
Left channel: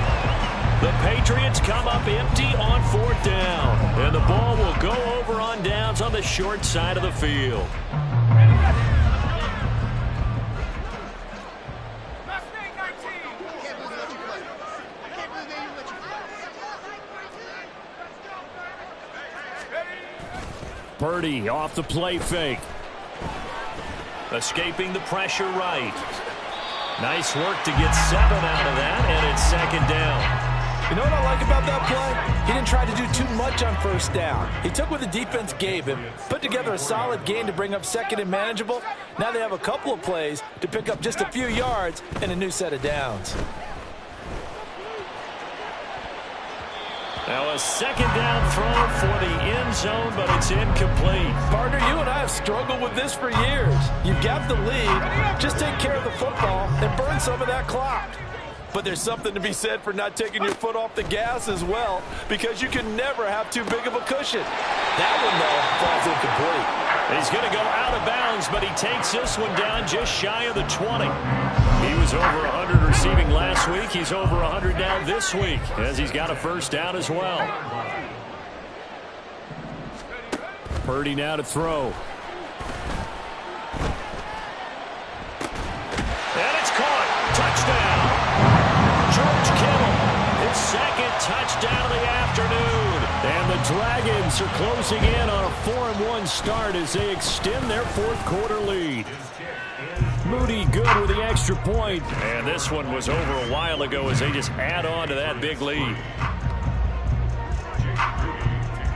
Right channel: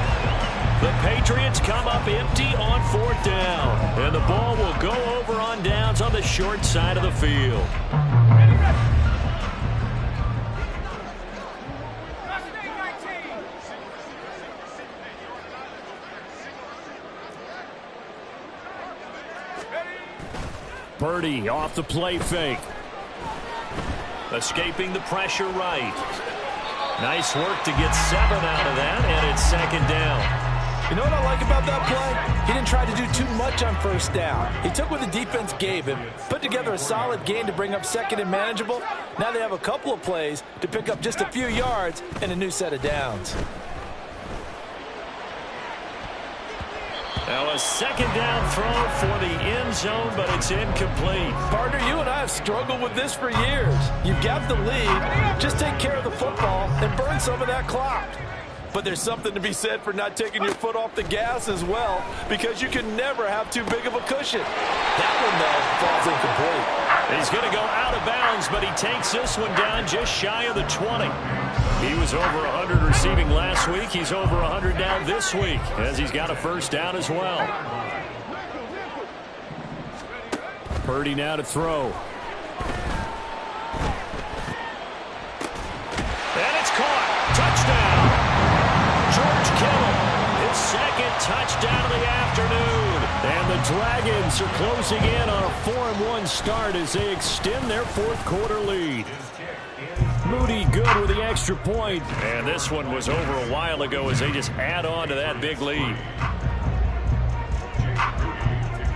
The Patriots come up empty on fourth down, and the ball will go over on downs on the short side of the field. Purdy off the play fake. Escaping the pressure right. Nice work to get 7 out of that, and it's second down. You know what I like about that play? He didn't try to do too much on first down. He took what the defense gave him, put together a solid gain to bring up second and manageable. Now they have a couple of plays to pick up just a few yards and a new set of downs. Now a second down throw for the end zone, but it's incomplete. Partner, you and I have struggled with this for years. You've got the lead. Just take care of the football and burn some of that clock. But there's something to be said for not taking your foot off the gas as well, because you can never have too big of a cushion. That one, though, falls incomplete. He's going to go out of bounds, but he takes this one down just shy of the 20. He was over 100 receiving last week. He's over 100 now this week, as he's got a first down as well. Purdy now to throw. And it's caught. Touchdown. George Kittle, his second touchdown of the afternoon. And the Dragons are closing in on a 4-1 start as they extend their fourth-quarter lead. Moody good with the extra point. And this one was over a while ago as they just add on to that big lead.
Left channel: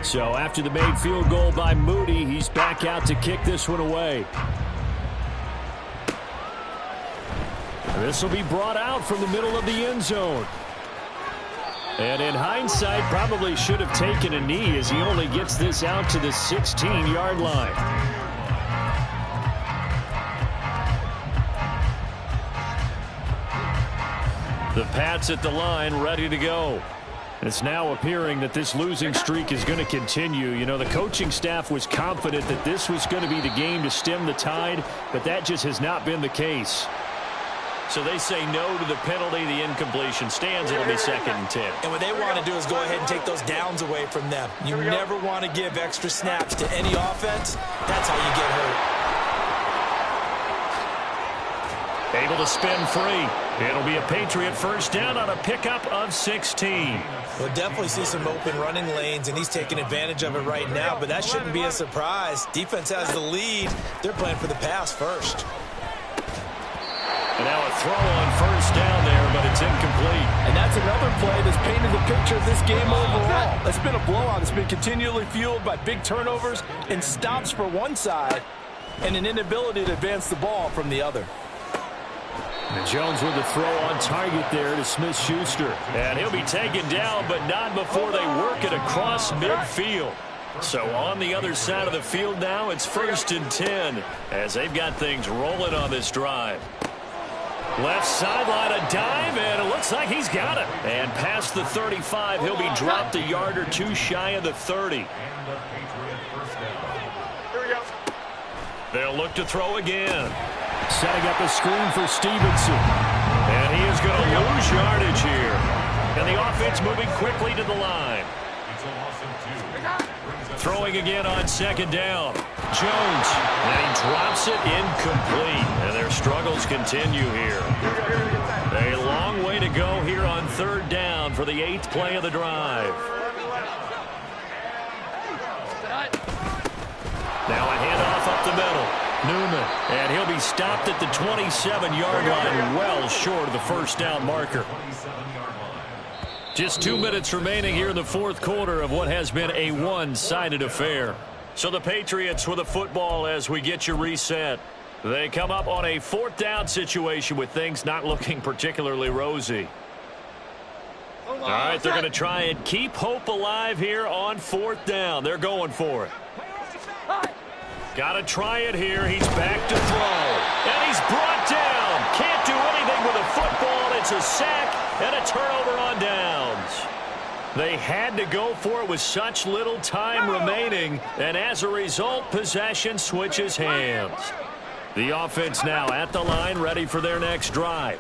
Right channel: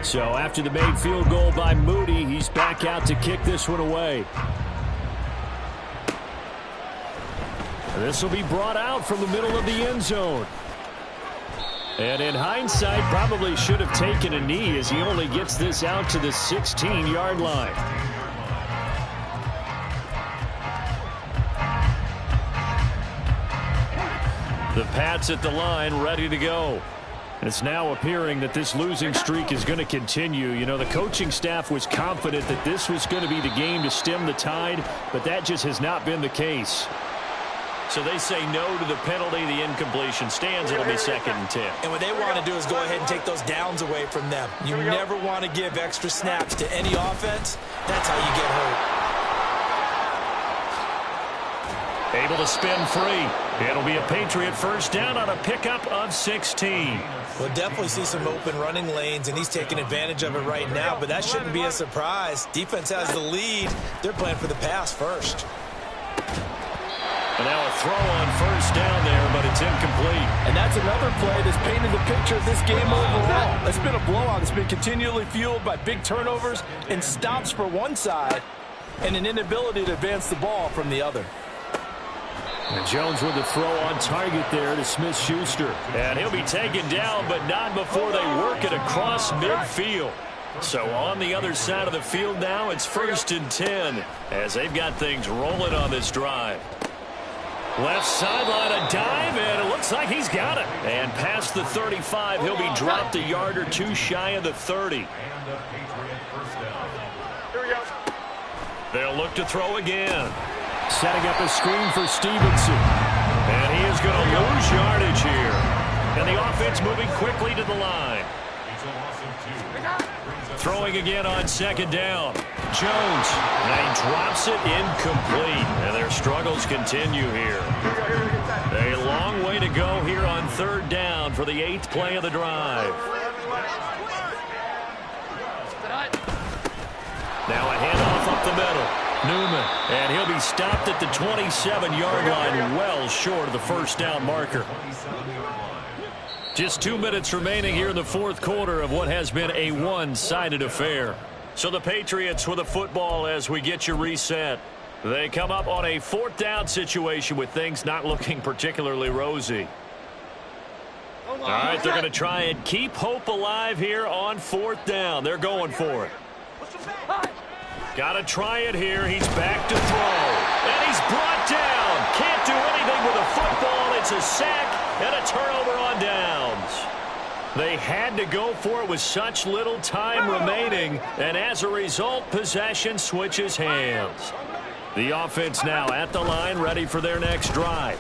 So after the made field goal by Moody, he's back out to kick this one away. And this will be brought out from the middle of the end zone. And in hindsight, probably should have taken a knee as he only gets this out to the 16-yard line. The Pats at the line, ready to go. It's now appearing that this losing streak is going to continue. You know, the coaching staff was confident that this was going to be the game to stem the tide, but that just has not been the case. So they say no to the penalty. The incompletion stands. It'll be 2nd and 10. And what they want to do is go ahead and take those downs away from them. You never want to give extra snaps to any offense. That's how you get hurt. Able to spin free. It'll be a Patriot first down on a pickup of 16. We'll definitely see some open running lanes, and he's taking advantage of it right now, but that shouldn't be a surprise. Defense has the lead. They're playing for the pass first. And now a throw on first down there, but it's incomplete. And that's another play that's painted the picture of this game overall. It's been a blowout. It's been continually fueled by big turnovers and stops for one side and an inability to advance the ball from the other. And Jones with the throw on target there to Smith-Schuster. And he'll be taken down, but not before they work it across midfield. So on the other side of the field now, it's 1st and 10 as they've got things rolling on this drive. Left sideline, a dive, and it looks like he's got it. And past the 35, he'll be dropped a yard or two shy of the 30. Here we go. They'll look to throw again. Setting up a screen for Stevenson. And he is going to lose yardage here. And the offense moving quickly to the line. Throwing again on 2nd down. Jones. Now he drops it incomplete. And their struggles continue here. A long way to go here on 3rd down for the 8th play of the drive. Now a handoff up the middle. Newman. And he'll be stopped at the 27-yard line, well short of the first down marker. Just 2 minutes remaining here in the fourth quarter of what has been a one-sided affair. So the Patriots with the football as we get you reset. They come up on a 4th down situation with things not looking particularly rosy. All right, they're going to try and keep hope alive here on 4th down. They're going for it. Got to try it here. He's back to throw. And he's brought down. Can't do anything with a football. It's a sack and a turnover on downs. They had to go for it with such little time remaining. And as a result, possession switches hands. The offense now at the line, ready for their next drive.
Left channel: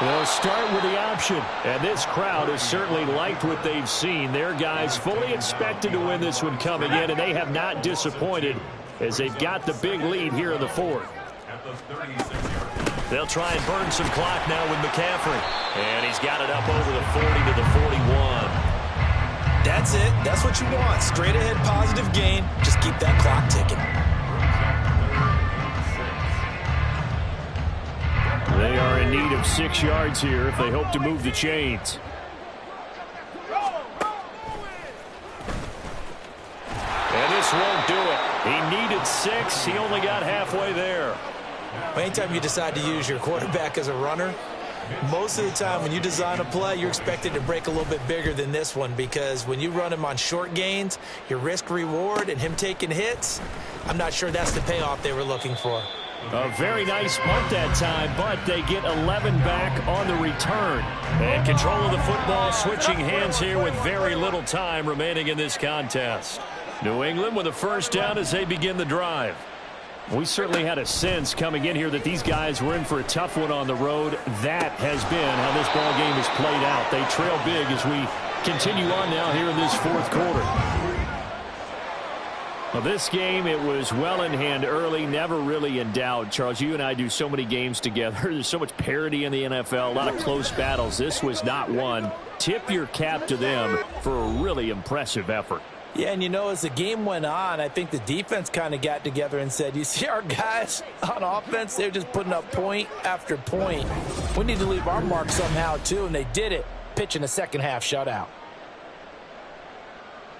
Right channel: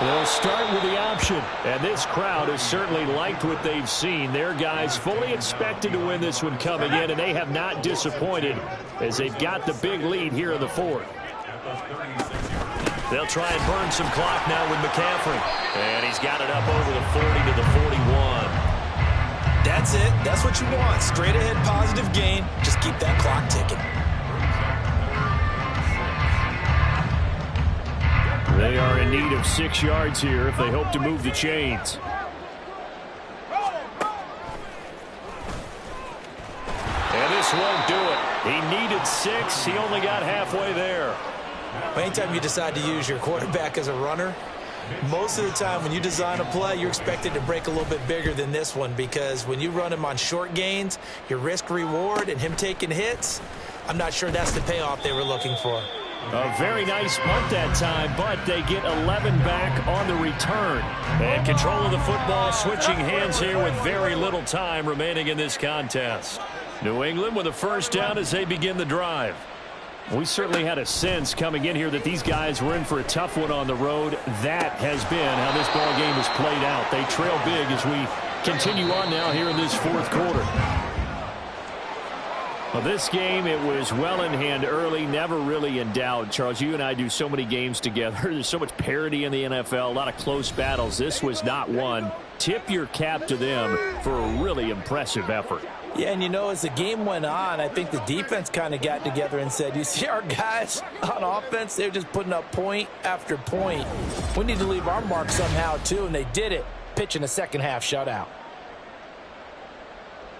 They'll start with the option, and this crowd has certainly liked what they've seen. Their guys fully expected to win this one coming in, and they have not disappointed as they've got the big lead here in the 4th. They'll try and burn some clock now with McCaffrey, and he's got it up over the 40 to the 41. That's it. That's what you want. Straight ahead positive gain. Just keep that clock ticking. They are in need of 6 yards here if they hope to move the chains. And this won't do it. He needed 6. He only got halfway there. Anytime you decide to use your quarterback as a runner, most of the time when you design a play, you're expected to break a little bit bigger than this one, because when you run him on short gains, your risk-reward and him taking hits, I'm not sure that's the payoff they were looking for. A very nice punt that time, but they get 11 back on the return. And control of the football switching hands here with very little time remaining in this contest. New England with a first down as they begin the drive. We certainly had a sense coming in here that these guys were in for a tough one on the road. That has been how this ball game has played out. They trail big as we continue on now here in this fourth quarter. Well, this game, it was well in hand early, never really in doubt. Charles, you and I do so many games together. There's so much parity in the NFL, a lot of close battles. This was not one. Tip your cap to them for a really impressive effort. Yeah, and you know, as the game went on, I think the defense kind of got together and said, you see our guys on offense, they're just putting up point after point. We need to leave our mark somehow, too, and they did it, pitching a second-half shutout.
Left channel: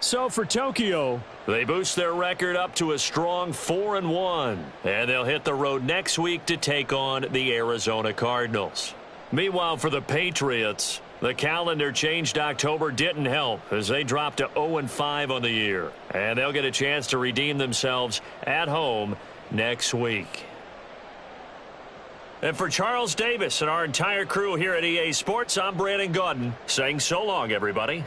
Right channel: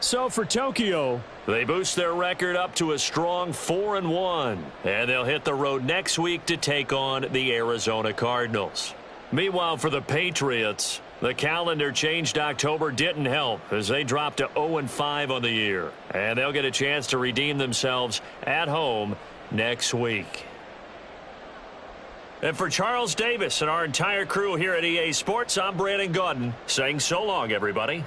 So for Tokyo, they boost their record up to a strong 4-1, and they'll hit the road next week to take on the Arizona Cardinals. Meanwhile, for the Patriots, the calendar changed October didn't help as they dropped to 0-5 on the year, and they'll get a chance to redeem themselves at home next week. And for Charles Davis and our entire crew here at EA Sports, I'm Brandon Gaudin saying so long, everybody.